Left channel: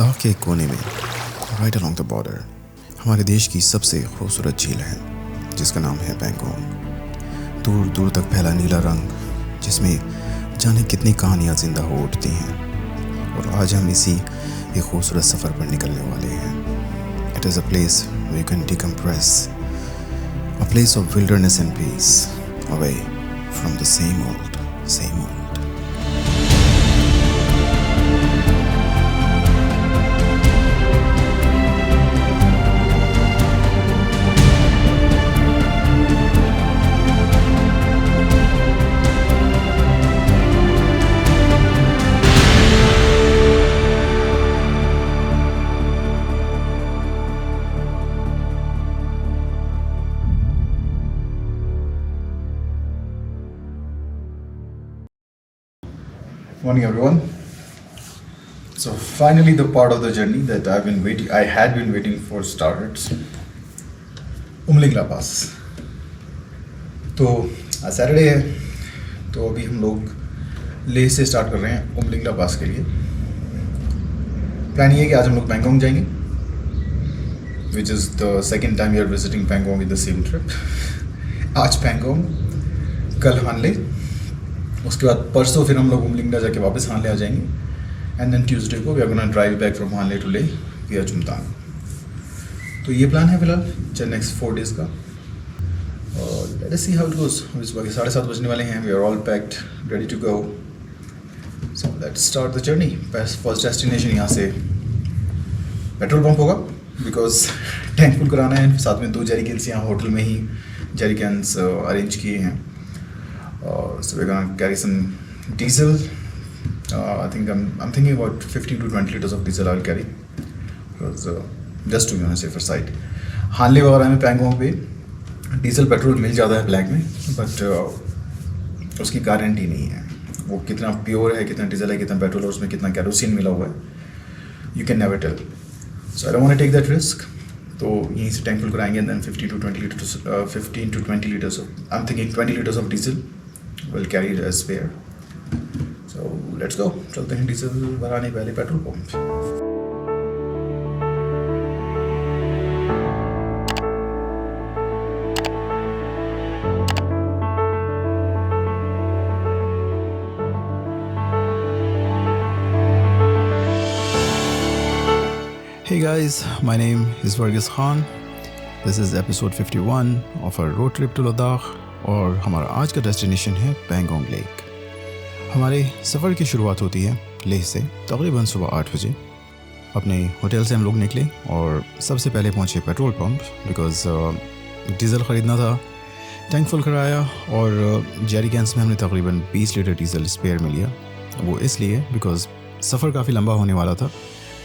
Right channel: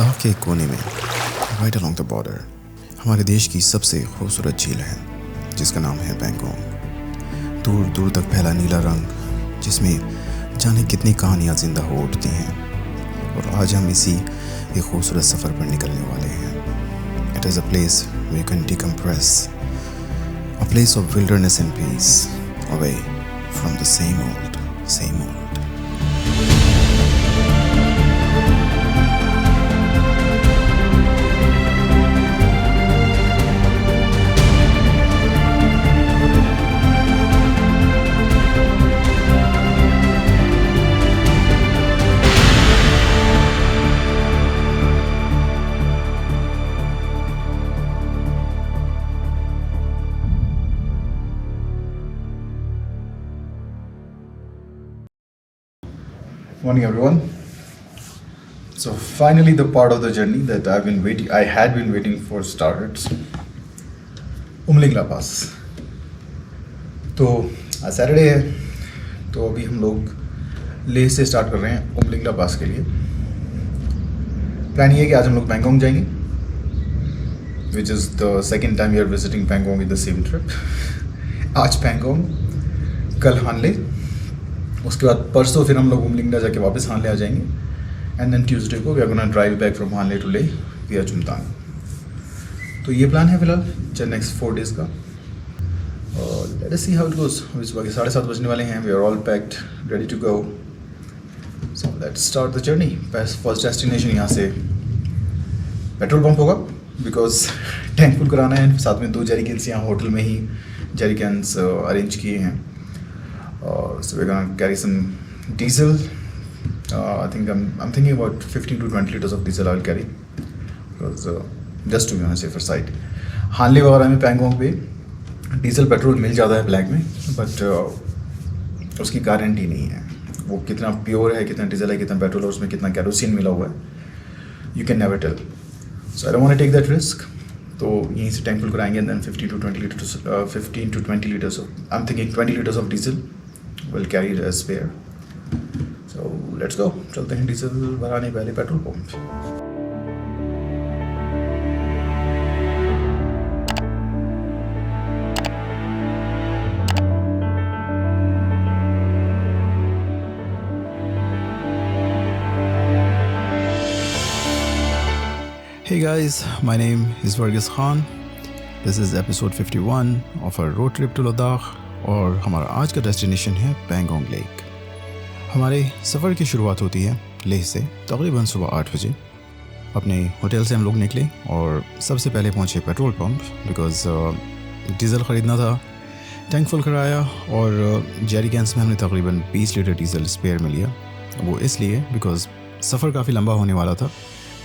लद्दाख के कोने में राइट अलोंग द बॉर्डर हमारे देश की सबसे खूबसूरत झील है जिसका नाम है पैंगोंग। दूर दूर तक फैला नीला रंग जिसमें जाने कितनी कहानियाँ जिंदा हो उठती हैं। और आज हम इसी एक खूबसूरत सफ़र पर निकलने वाले हैं। It is a place we can decompress, a place of wilderness and peace, away from the same old. Morning everyone. So finally the part of the journey that I had been waiting for starts. Umlingla pass. तो आज Saturday है, तो अभी हम लोग लेह से start कर रहे हैं उमलिंगला पास के लिए। प्लान ये है कि आज हम लोग पैंगोंग जाएंगे, which is the second time we are visiting Pangong with the same trip. आज पैंगोंग, कल हानले, उसके बाद परसों फिर हम लोग उमलिंगला जाके वापस हानले आ जाएंगे। एंड देन ट्यूसडे को we are gonna drive back from Hanle to Leh via Chumathang. तो ये प्लान है फिलहाल नेक्स्ट 4 डेज़ का। और let us see how it goes. अभी सुबह के 7:30 बजने वाले हैं। We are all packed, ready to go. So let's start the journey. First destination यहाँ से पेट्रोल पंप होगा, बिकॉज टैंक फुल कराना है। साथ में 2 जेरिकन्स यहाँ होटल में ही जेरिकन्स अरेंज किए हैं। So we're gonna carry some diesel. I think I'm thinking about 15 to 20 liters of diesel I'll carry, because just to be on a safer side. हानले वगैरह में पैंगोंग पे डीजल पेट्रोल मिल जाता है ब्लैक में, बट उसकी गारंटी नहीं है वो कितना प्योर है, कितना डीजल है, कितना पेट्रोल है, उसमें कितना कैरोसिन मिला हुआ है, you can never tell. So I don't want to take that risk. तो यहीं से टैंक फुल कराएंगे and then 15 to 20 liters of, I'm thinking 20 liters of diesel will carry it as spare. So let's go. चलते हैं diesel भराने पहले petrol pump. Hey guys, my name is Varghese Khan. This is episode 51 of our road trip to Ladakh. और हमारा आज का destination है Pangong lake. हमारे सफ़र की शुरुआत होती है लेह से तकरीबन सुबह 8 बजे। अपने होटल से हम लोग निकले और सबसे पहले पहुंचे पेट्रोल पंप, बिकॉज़ डीज़ल ख़रीदना था। टैंक फुल कराया और जेरिकन्स में हमने तकरीबन 20 लीटर डीज़ल स्पेयर में लिया। वो इसलिए बिकॉज़ सफ़र काफ़ी लंबा होने वाला था।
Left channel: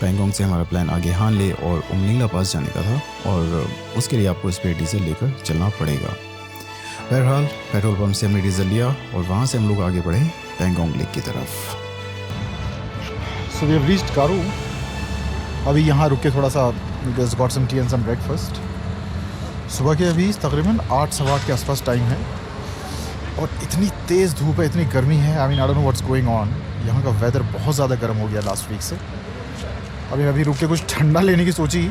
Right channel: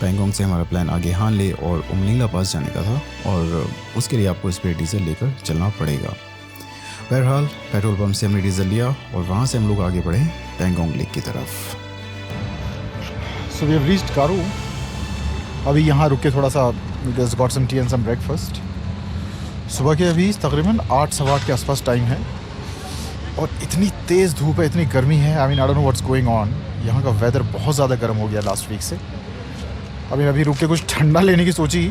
पैंगोंग से हमारा प्लान आगे हानले और उमलिंगला पास जाने का था, और उसके लिए आपको स्पेयर डीज़ल लेकर चलना पड़ेगा। बहरहाल पेट्रोल पंप से हमने डीजल लिया और वहाँ से हम लोग आगे बढ़े पैंगोंग लेक की तरफ। So we have reached Karu. अभी यहाँ रुक के थोड़ा सा got some tea and some breakfast. सुबह के अभी तकरीबन 8 सवा 8 के आसपास टाइम है और इतनी तेज़ धूप है, इतनी गर्मी है। I don't know what's going on. यहाँ का वेदर बहुत ज़्यादा गर्म हो गया लास्ट वीक से। अभी रुक के कुछ ठंडा लेने की सोची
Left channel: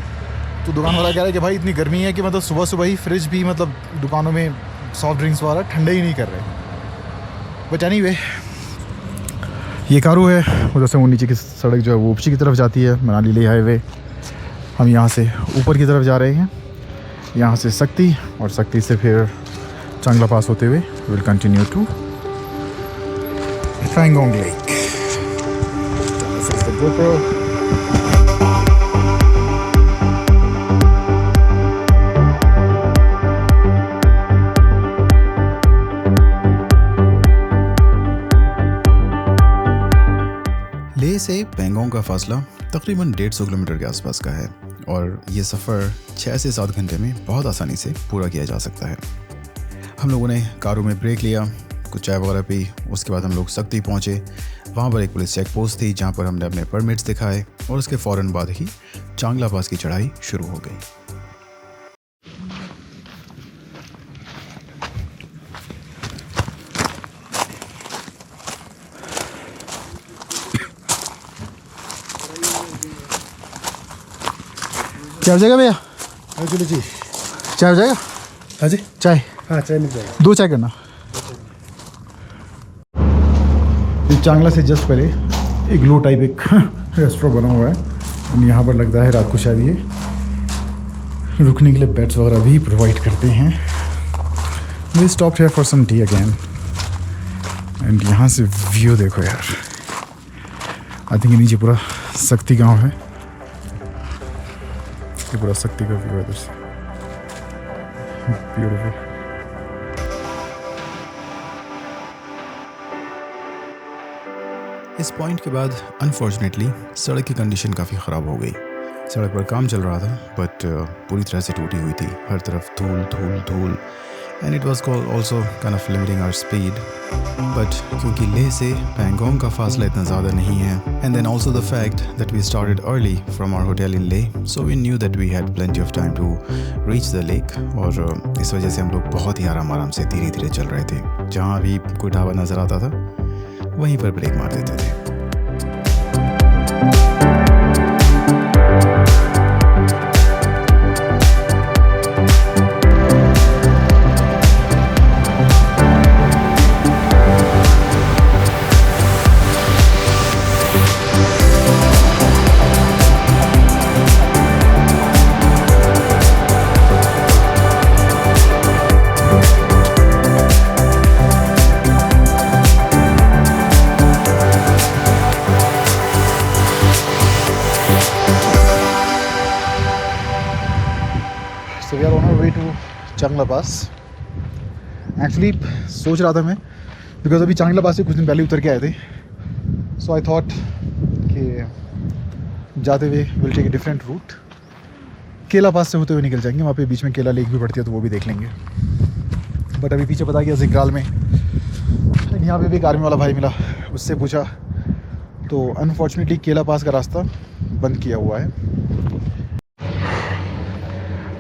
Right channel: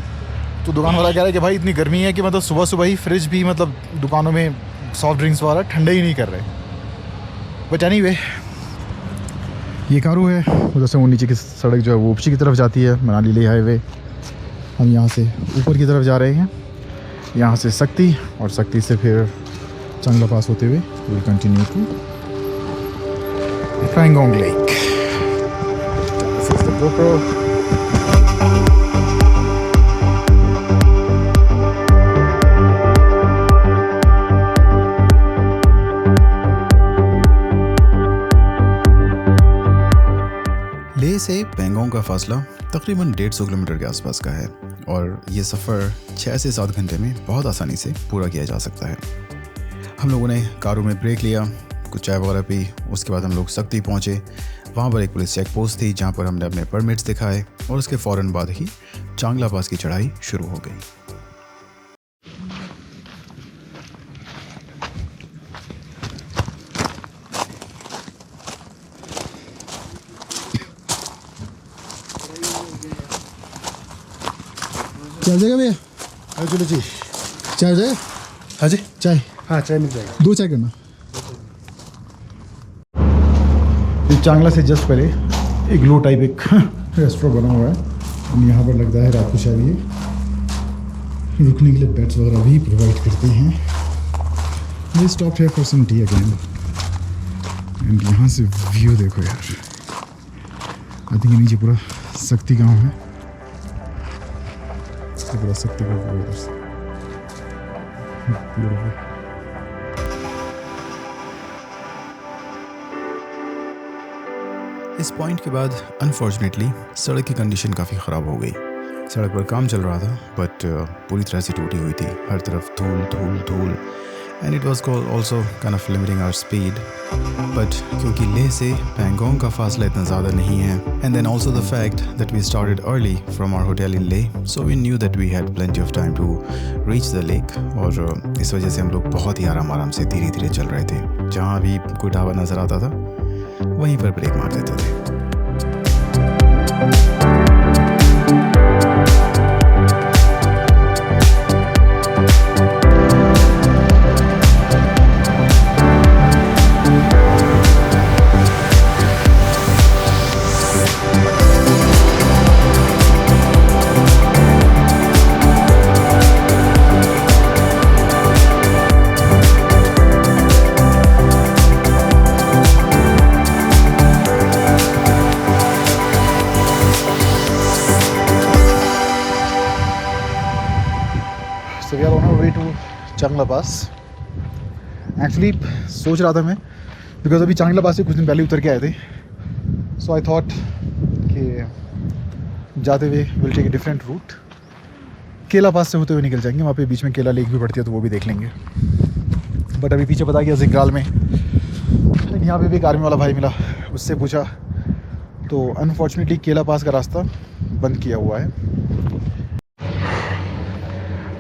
तो दुकान वाला कह रहा है कि भाई इतनी गर्मी है कि मतलब सुबह सुबह ही फ्रिज भी, मतलब दुकानों में सॉफ्ट ड्रिंक्स वाला ठंडा ही नहीं कर रहे। बट एनीवे, ये कारू है उधर से वो नीचे की सड़क जो है वो ऊपची की तरफ जाती है, मनाली लेह हाईवे। हम यहाँ से ऊपर की तरफ जा रहे हैं, यहाँ से सक्ती, और सक्ती से फिर चांगला पास होते हुए will continue to Pangong lake. Leh से पैंगोंग का फासला तकरीबन 150 किलोमीटर के आसपास का है, और ये सफ़र 6 से 7 घंटे में बहुत आसानी से पूरा किया जा सकता है। हम लोगों ने कारों में ब्रेक लिया, कुछ चाय वगैरह पी। उसके बाद हम लोग सक्ती पहुँचे। वहाँ पर एक पुलिस चेक पोस्ट थी जहाँ पर हमने अपने परमिट्स दिखाए, और उसके फ़ौरन बाद ही चांगला पास की चढ़ाई शुरू हो गई। क्या हो जाएगा भैया? चलो जी, चाय हो जाएगा? हाँ जी, चाय हाँ चाय मिल जाएगी। 2 चाय करना। ये चांगला से जस्ट पहले एक लो टाइप एक रेस्टोरेंट बना हुआ है और यहाँ पर लगता है रात को शायद ये रुकने के लिए बेड्स वगैरह भी प्रोवाइड करते हैं। We stop here for some tea again and यहाँ से व्यू देखो यार। आई थिंक नीचे पूरा शक्ति गांव है, ये पूरा शक्ति का व्यू है बस। ब्यूटीफुल। इस पॉइंट के बाद अनफॉर्चुनेटली सड़क की कंडीशन काफ़ी ख़राब हो गई। सड़क पर काम चल रहा था बट पूरी तरह से टूटी हुई थी, हर तरफ धूल धूल धूल and it was also kind of limiting our speed. But क्योंकि लेह से पैंगोंग का फासला इतना ज़्यादा नहीं है and then also the fact that we started early from our hotel in Leh, so we knew that we had plenty of time to reach the lake. और इस वजह से हम लोग बहुत ही आराम से धीरे धीरे चल रहे थे। जहाँ भी कोई ढाबा नज़र आता था वहीं पर ब्रेक मार देते थे। So we are on our way to चांगला पास। एक्चुअली सोच रहा था मैं, बिकॉज अभी चांगला पास से कुछ दिन पहले उतर के आए थे, सो आई थॉट कि जाते हुए will take a different route, Kela pass से होते हुए निकल जाएंगे। वहाँ पे बीच में केला लेक भी पड़ती है तो वो भी देख लेंगे। बट अभी पीछे पता गया जिंगराल में यहाँ पे भी एक आर्मी वाला भाई मिला, उससे पूछा तो अनफॉर्चुनेटली केला पास का रास्ता बंद किया हुआ है।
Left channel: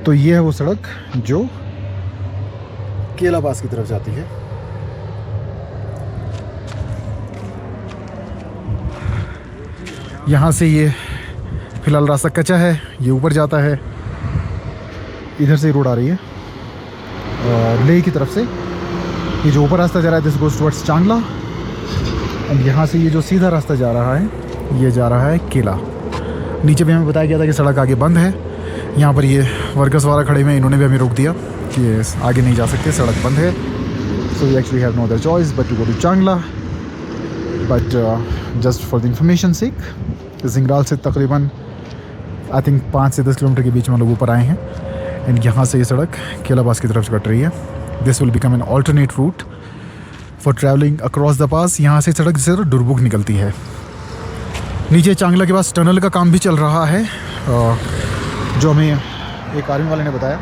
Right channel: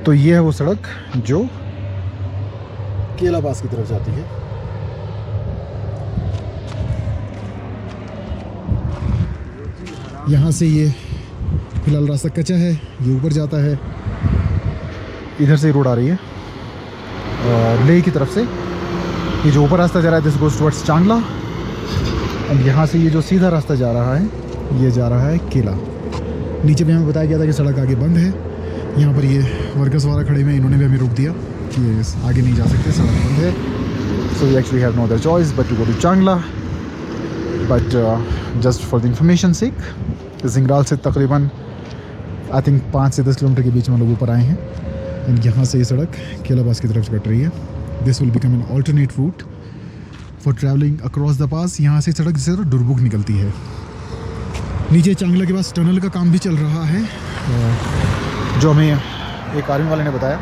तो ये है वो सड़क जो केला पास की तरफ जाती है। यहाँ से ये फिलहाल रास्ता कच्चा है, ये ऊपर जाता है। इधर से रोड आ रही है लेह की तरफ से। ये जो ऊपर रास्ता जा रहा है दिस गोज टुवर्ड्स चांगला एंड यहाँ से ये जो सीधा रास्ता जा रहा है ये जा रहा है केला। नीचे भी हमें बताया गया था कि सड़क आगे बंद है। यहाँ पर ये वर्कर्स वाला खड़े में, इन्होंने भी हमें रोक दिया कि आगे नहीं जा सकते, सड़क बंद है। So we actually have no other choice but to go to Changla. But just for the information sake, Jingral से तकरीबन आई थिंक 5 से 10 किलोमीटर के बीच में लोग ऊपर आए हैं एंड यहाँ से ये सड़क केला पास की तरफ से कट रही है। This will become an alternate route for travelling across the pass. यहाँ से सड़क से डुरबुक निकलती है। नीचे चांगला के पास टनल का काम भी चल रहा है, जो हमें एक आर्मी वाले ने बताया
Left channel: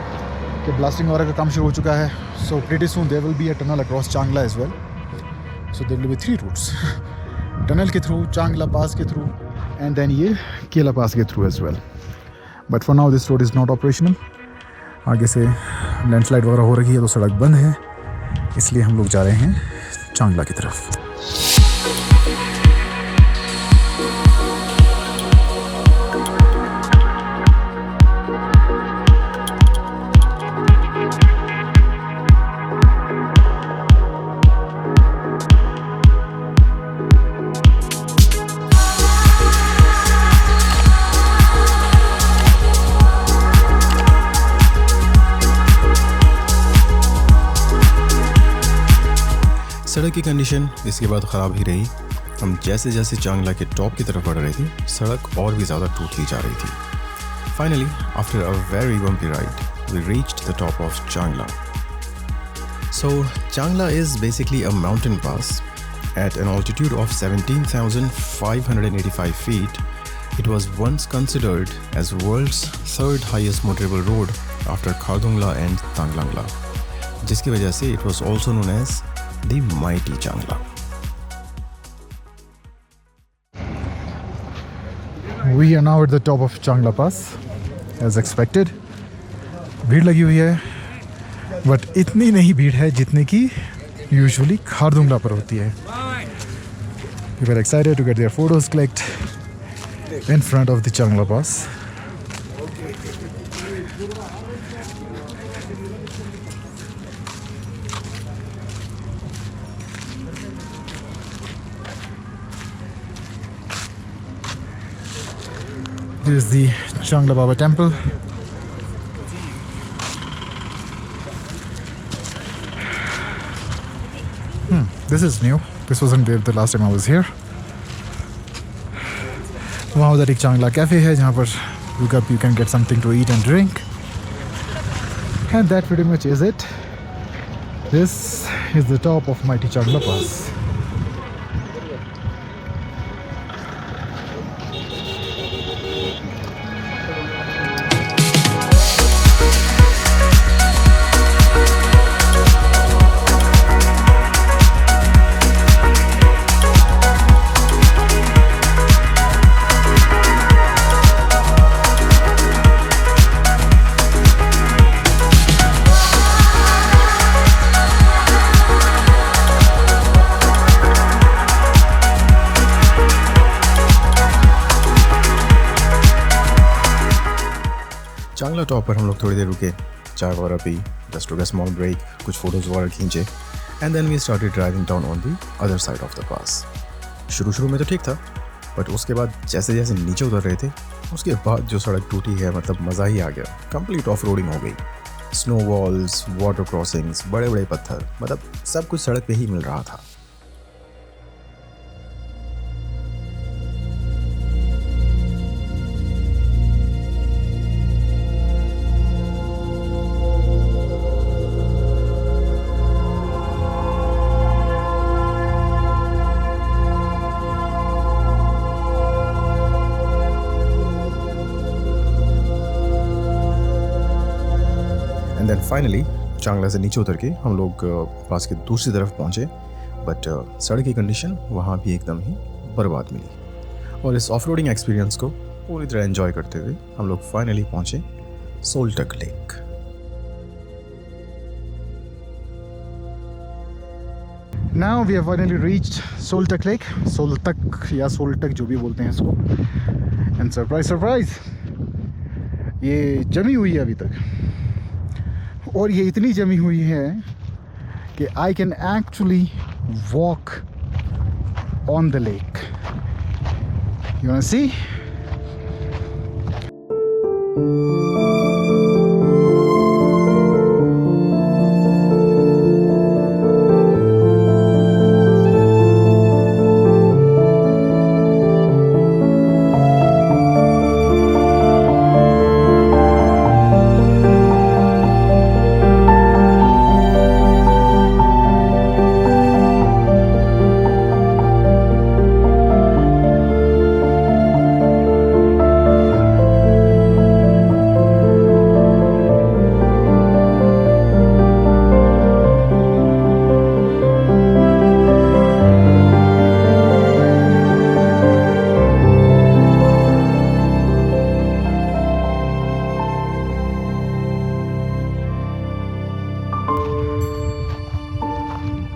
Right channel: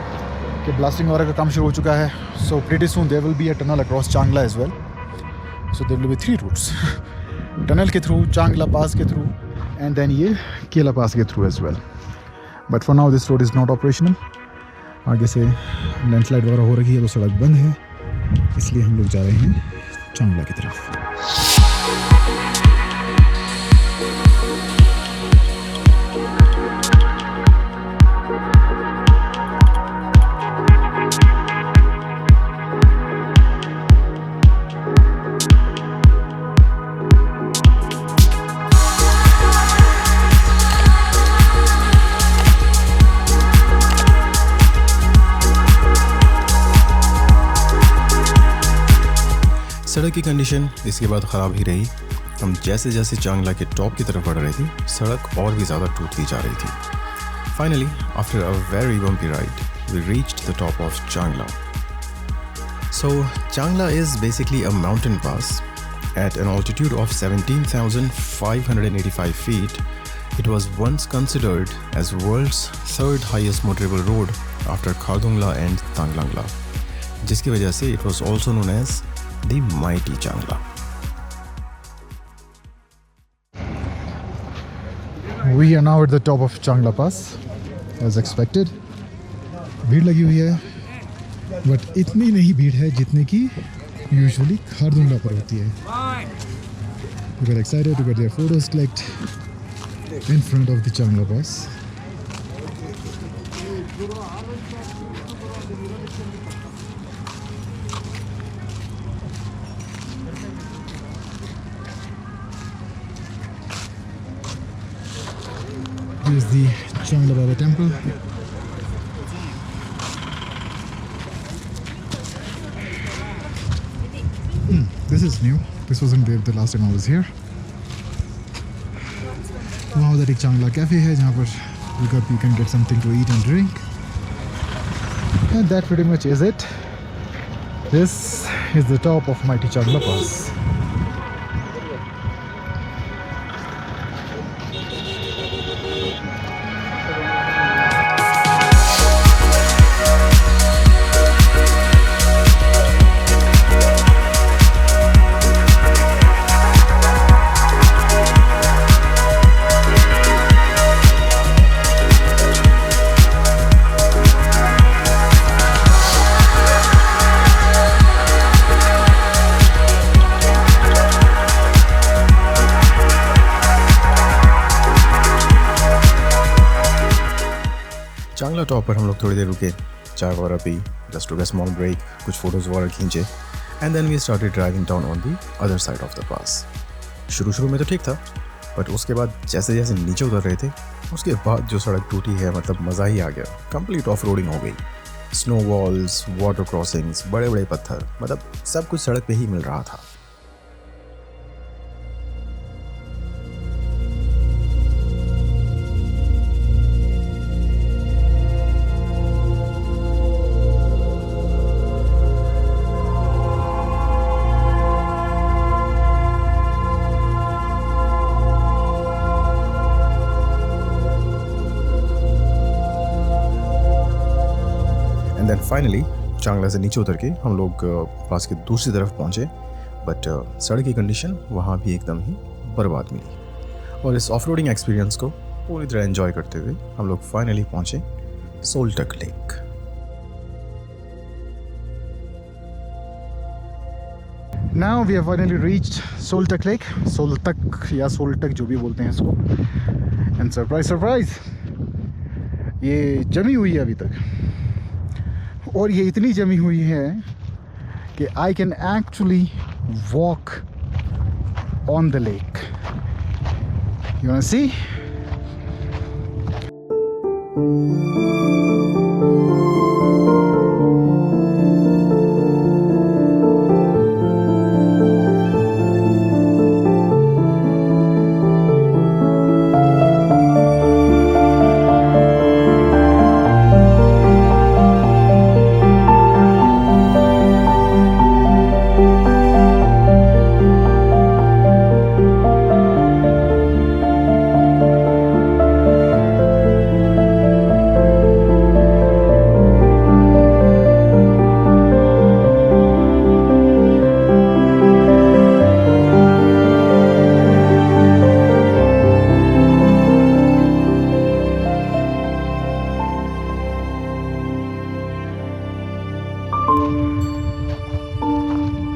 कि ब्लास्टिंग वगैरह का काम शुरू हो चुका है। So pretty soon there will be a tunnel across Changla as well. So there will be 3 routes, tunnel के थ्रू, चांगला पास के थ्रू एंड देन ये केला पास के through as well. But for now this road is not operational. आगे से landslide वगैरह हो रही है तो सड़क बंद है, इसलिए हम लोग जा रहे हैं चांगला की तरफ। सड़क की कंडीशन इसके बाद ख़राब ही रही। हम जैसे जैसे चांगला के टॉप की तरफ बढ़ रहे थे सड़क और भी ज़्यादा टूटती जा रही थी। Finally after a very bumpy ride we reached the top of Changla. So Changla is basically a mountain pass at an altitude of 17,585 feet. It was once considered as world's 3rd highest motorable road after Khardungla and Tanglangla, जिसकी वजह से it was also known as the mighty Changla. We are now at the top of Changla Pass, as expected. भीड़ लगी हुई है, but इतनी नहीं भीड़ है जितनी की यूजुअली खारदुंगला पर होती है। We were excited to get their photos clicked in front of the Changla Pass. is the Changla Baba temple. This is new. This wasn't there the last time I was here. वहाँ उधर एक चांगला cafe है जहाँ पर you can get something to eat and drink. And that pretty much is it. This is the top of mighty Changla Pass. Changla top पर हम लोग थोड़ी देर रुके, चाय वगैरह पी, just took a small break, कुछ फोटोज़ वगैरह खींचे and then we started driving down on the other side of the pass. शुरू में तो ठीक था, बट उसके बाद जैसे जैसे नीचे उतर रहे थे उसके बाद जो सड़क टूटी है, मतलब मज़ा ही आ गया. कंप्लीट ऑफ रोडिंग हो गई. स्नो वॉल्स, वाटर क्रॉसिंग्स, बड़े बड़े पत्थर, मतलब सब कुछ सड़क पे ही मिल रहा था. एंड देन फाइनली चांगला से नीचे उतर के हम लोग पास के दूसरी तरफ पहुँचे, बट सड़क की कंडीशन वहाँ भी एकदम ही बर्बाद मिली. और इस ऑफ रोडिंग एक्सपीरियंस को पूरी तरह एंजॉय करते हुए हम लोग फाइनली पहुँचे सोलटक lake. Now we have finally reached Soltak Lake. Soltak या सोलटक जो भी बोलते हैं इसको. And surprise, ये जमी हुई है अभी तक. और ये इतनी जमी हुई है कि I can actually walk on the lake. You wanna see?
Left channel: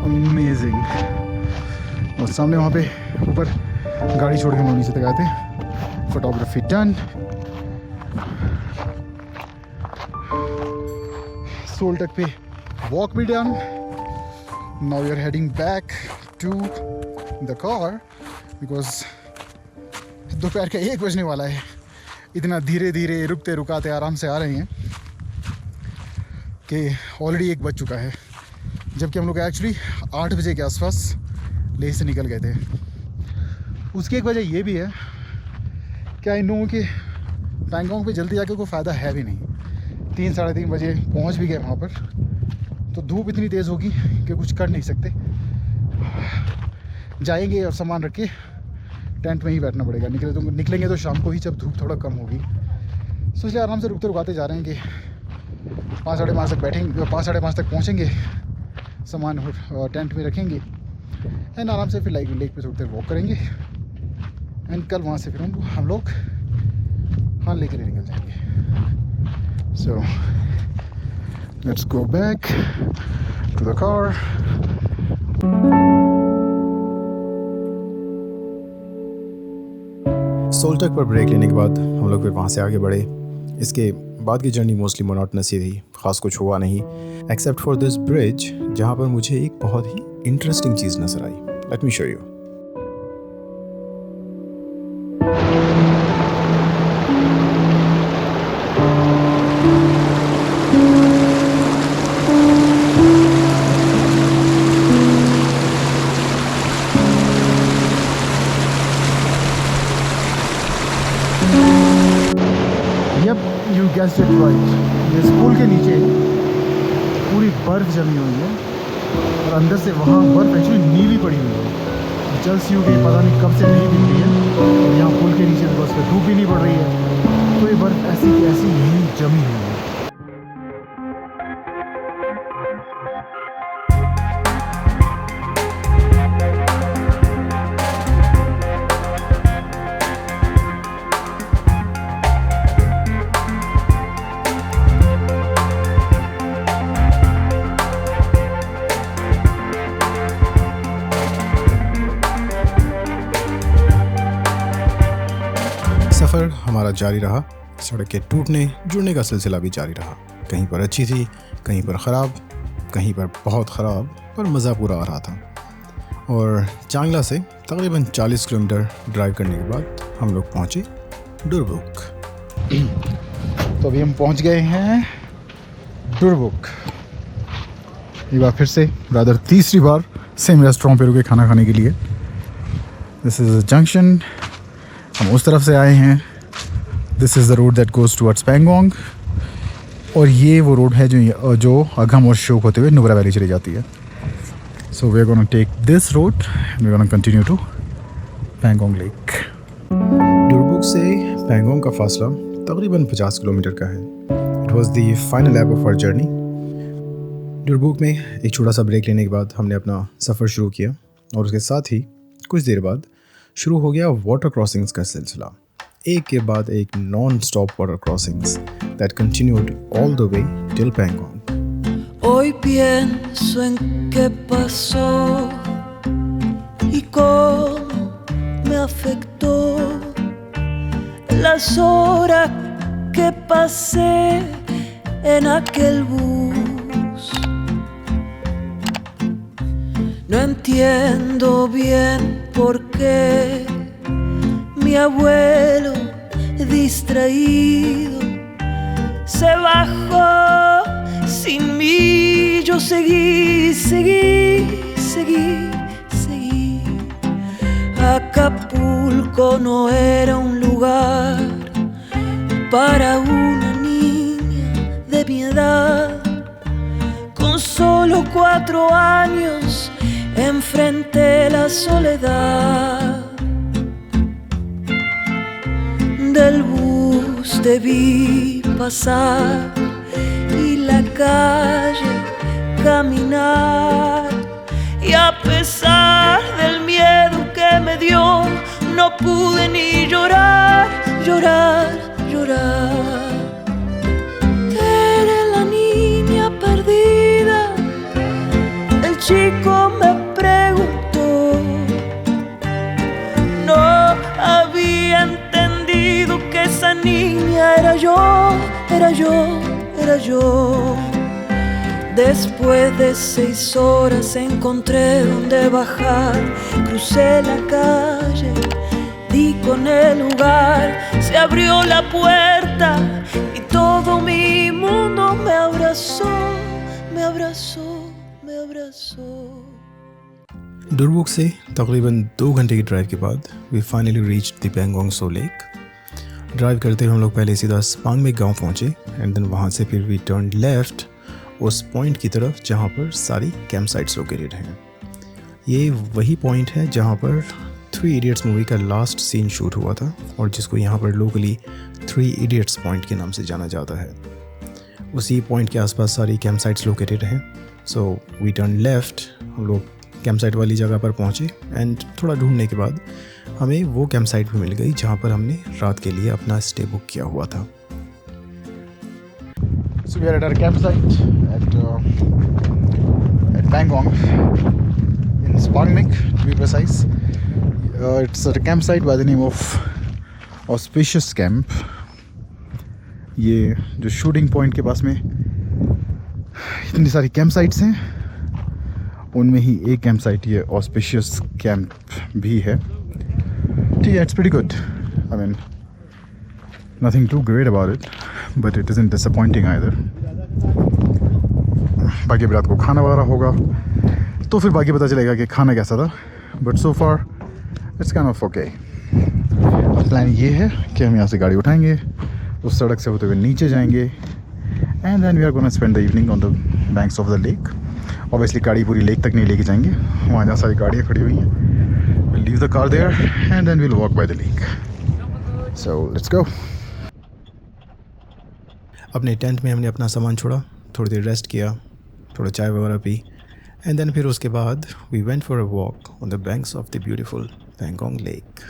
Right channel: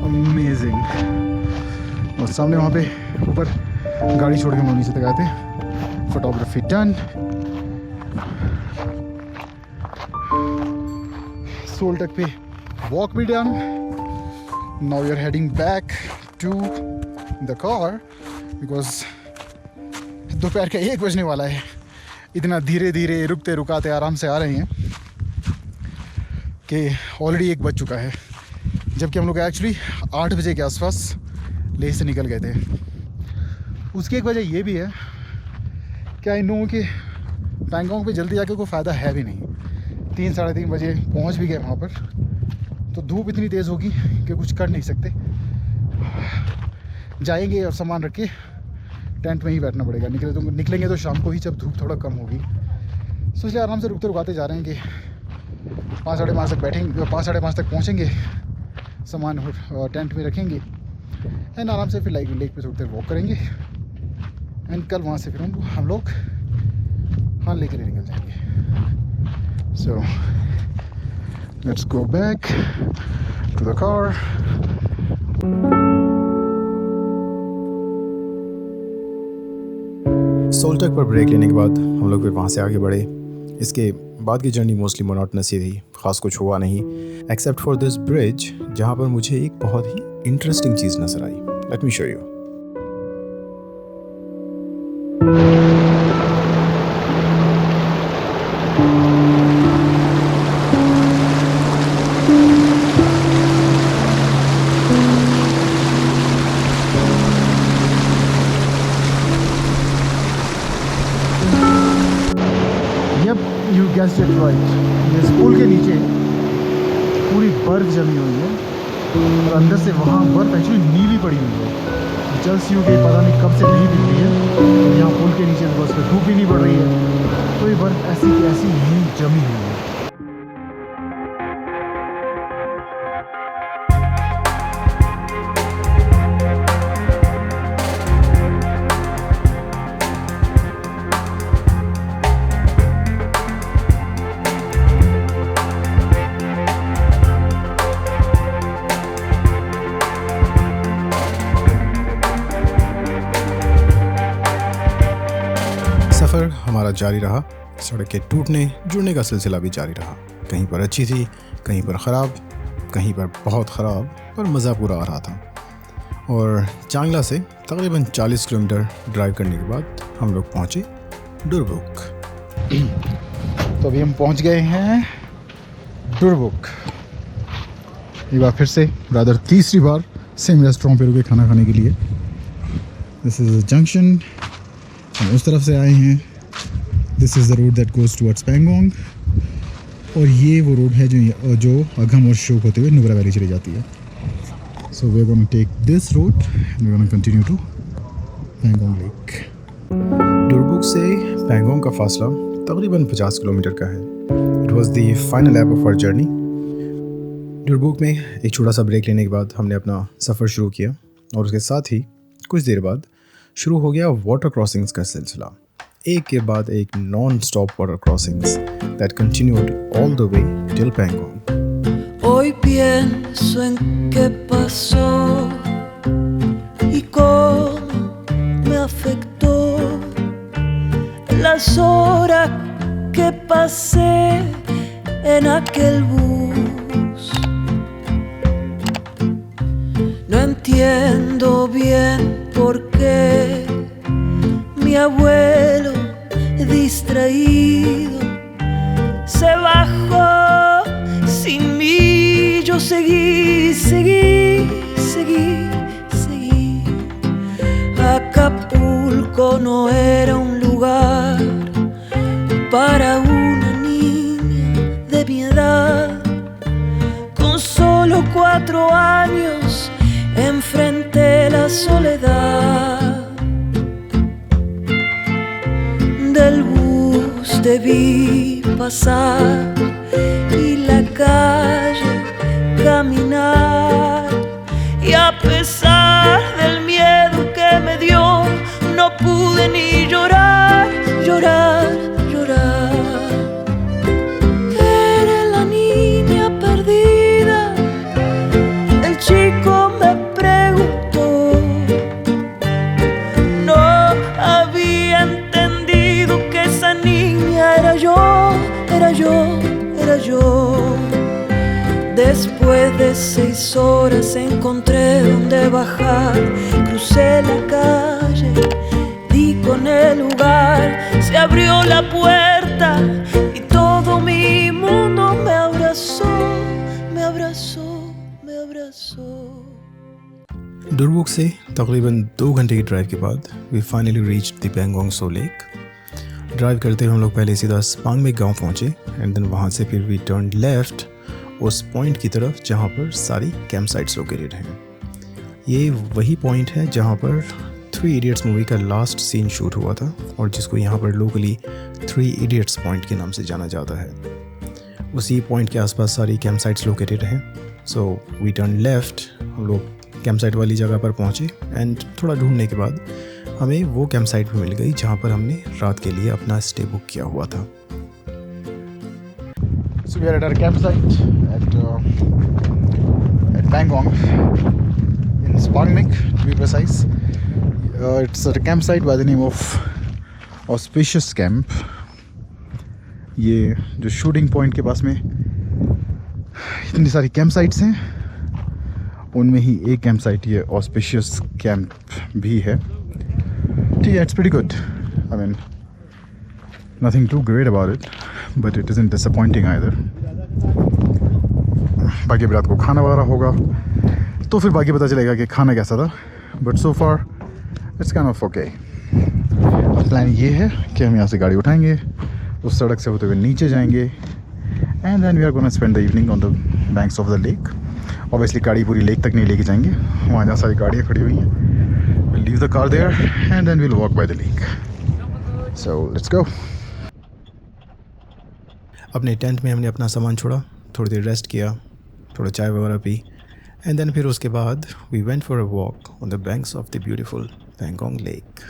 Amazing. और सामने वहाँ पे ऊपर गाड़ी छोड़ के हम लोग नीचे तक आए थे. Photography done. सोलटक पे वॉक भी done. Now we are heading back to the car because दोपहर का 1 बजने वाला है. इतना धीरे धीरे रुकते रुकाते आराम से आ रहे हैं कि ऑलरेडी 1 बज चुका है, जबकि हम लोग एक्चुअली 8 बजे के आसपास लेह से निकल गए थे. उसकी एक वजह ये भी है कि आई नो कि पैंगोंग पे जल्दी जाके कोई फ़ायदा है भी नहीं. 3 साढ़े 3 बजे पहुंच भी गए वहाँ पर, तो धूप इतनी तेज़ होगी कि कुछ कर नहीं सकते. जाएंगे और सामान रख के टेंट में ही बैठना पड़ेगा. निकलेंगे तो शाम को ही, जब धूप थोड़ा कम होगी. सो इसलिए आराम से रुकते रुकाते जा रहे हैं कि 5 साढ़े 5 तक बैठेंगे, 5 साढ़े 5 तक पहुँचेंगे, सामान टेंट में रखेंगे एंड आराम से फिर लेक पे थोड़ी देर वॉक करेंगे एंड कल वहाँ से फिर हम लोग लेक के लिए निकल जाएंगे. So let's go back to the car. Soltak पर ब्रेक लेने के बाद हम लोग फिर वहाँ से आगे बढ़े. इसके बाद की जर्नी मोस्टली मोनोटनस ही थी, ख़ास कुछ हुआ नहीं एक्सेप्ट फॉर दिस ब्रिज, जहाँ पर मुझे एक बहुत ही इंटरेस्टिंग चीज़ नज़र आई. Let me show you. You guessed it right, ये स्कूल के नीचे पूरी बर्फ़ जमी हुई है और अंदर से वहाँ बर्फ़ एक्चुअली नीली पड़ी हुई है। जस्ट यूँ कि पता नहीं कब से नहीं दिख रही है और यहाँ पुल के नीचे बस पे धूप भी नहीं पड़ रही है, तो ये बर्फ़ ऐसी की ऐसी ही जमी हुई है। सफ़र हमारा जारी रहा। सड़क के टूटने जुड़ने का सिलसिला भी जारी रहा। कहीं पर अच्छी थी, कहीं पर ख़राब, कहीं पर बहुत ख़राब, पर मज़ा पूरा आ रहा था। और चांगला से तकरीबन 40 किलोमीटर ड्राइव करने के बाद हम लोग पहुँचे डुरबुक। तो अभी हम पहुँच गए हैं डुरबुक। एक बार फिर से रादर तीसरी बार सेम रेस्टोरेंट पे रुके खाना खाने के लिए। दिस इज़ अ जंक्शन, हम उस तरफ से आए हैं। This is the road that goes towards Pangong, और ये वो रोड है जो अगम और शोक होते हुए नुब्रा वैली चली जाती है। So we are gonna take this road, we are gonna continue to Pangong lake. Durbuk से पैंगोंग का फासला तकरीबन 50 किलोमीटर का है। It was the final lap of our journey. Durbuk में एक छोटा सा ब्रेक लेने के बाद हमने अपना सफ़र शुरू किया और उसके साथ ही कुछ देर बाद शुरू हो गया वाटर क्रॉसिंग्स का सिलसिला। एक के बाद एक non stop water crossings that continued all the way till Pangong. Hoy pienso en qué pasó y cómo me afectó las horas que pasé en aquel bus. No entiendo bien por qué mi abuelo distraído se bajó sin mí. Yo seguí. Acapulco no era un lugar para una niña de mi edad. Con solo 4 años enfrenté la soledad. Del bus te vi pasar y la calle caminar, y a pesar del miedo que me dio, no pude ni llorar. Eres la niña perdida, el chico me preguntó. No había entendido que esa niña era yo. Después de 6 horas encontré donde bajar. Crucé la calle, di con el lugar, se abrió la puerta y todo mi mundo me abrazó. Durbuk से तकरीबन 2 घंटे की drive के बाद we finally reached the Pangong Tso lake. Drive करते हुए हम लोग पहले सीधा स्पांग में गांव पहुंचे एंड देन वहां से फिर वी टर्न लेफ्ट उस पॉइंट की तरफ जहां पर सारी कैंप साइट्स लोकेटेड हैं। ये वही पॉइंट है जहां पर 3 इडियट्स मूवी का लास्ट सीन शूट हुआ था और जिसको यहाँ पर लोकली 3 इडियट्स पॉइंट के नाम से जाना जाता है। उसी पॉइंट के आसपास सारी कैंप साइट्स लोकेटेड हैं। सो वी टर्न लेफ्ट, हम लोग कैंप साइट वाली जगह पर पहुँचे एंड थोड़ा ढूंढने के बाद हमें वो कैंप साइट भी मिल गई जहाँ पर हमने रात के लिए अपना स्टे बुक किया हुआ था। So we are at our campsite at Pangong in Spangmik, to be precise. It's a campsite by the name of Auspicious Camp. ये जो शूटिंग पॉइंट के पास में इतनी सारी कैंप साइट्स हैं, उनमें ही एक कैंप साइट ये ऑस्पिशियस कैंप भी है। ठीक है, it's pretty good. I mean nothing too great about it, but it isn't disappointing either. बाकी रात को खाना वगैरह होगा तो फिर बाकी पता चलेगा कि खाना कैसा था, but so far it's kind of okay. Plan ये है कि हम यहाँ से गाड़ी उठाएंगे, उस सड़क से होते हुए नीचे जाएंगे and then we are gonna spend the evening on the banks of the lake. Obviously गाड़ी पूरी लेक तक नहीं लेके जाएंगे, वहाँ जहाँ सारी गाड़ियाँ खड़ी हुई हैं. Will leave the car there and then will walk by the lake. So let's go. अपने टेंट में हमने अपना सामान छोड़ा, थोड़ी देर रेस्ट किया, थोड़ा चाय वगैरह पी, एंड देन फिर उसके बाद we went for a walk on the banks of the beautiful Pangong lake.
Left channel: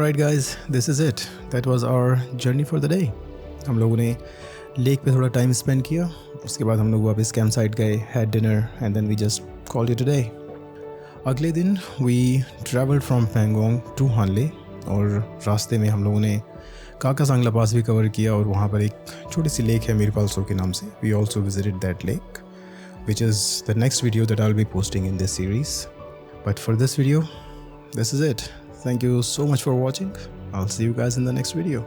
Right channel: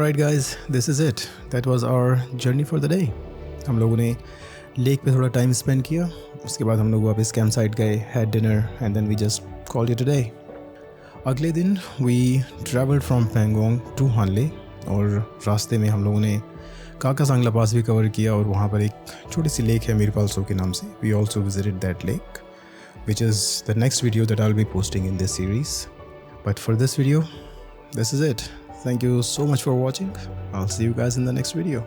Alright guys, this is it. That was our journey for the day. हम लोगों ने लेक पे थोड़ा टाइम स्पेंड किया, उसके बाद हम लोग वापस कैंप साइट गए, had dinner and then we just called it a day. अगले दिन we travelled from Pangong to Hanle और रास्ते में हम लोगों ने काका सांगला पास भी कवर किया और वहाँ पर एक छोटी सी लेक है मीरपालसो के नाम से. We also visited that lake which is the next video that I'll be posting in this series. But for this video, this is it. Thank you so much for watching. I'll see you guys in the next video.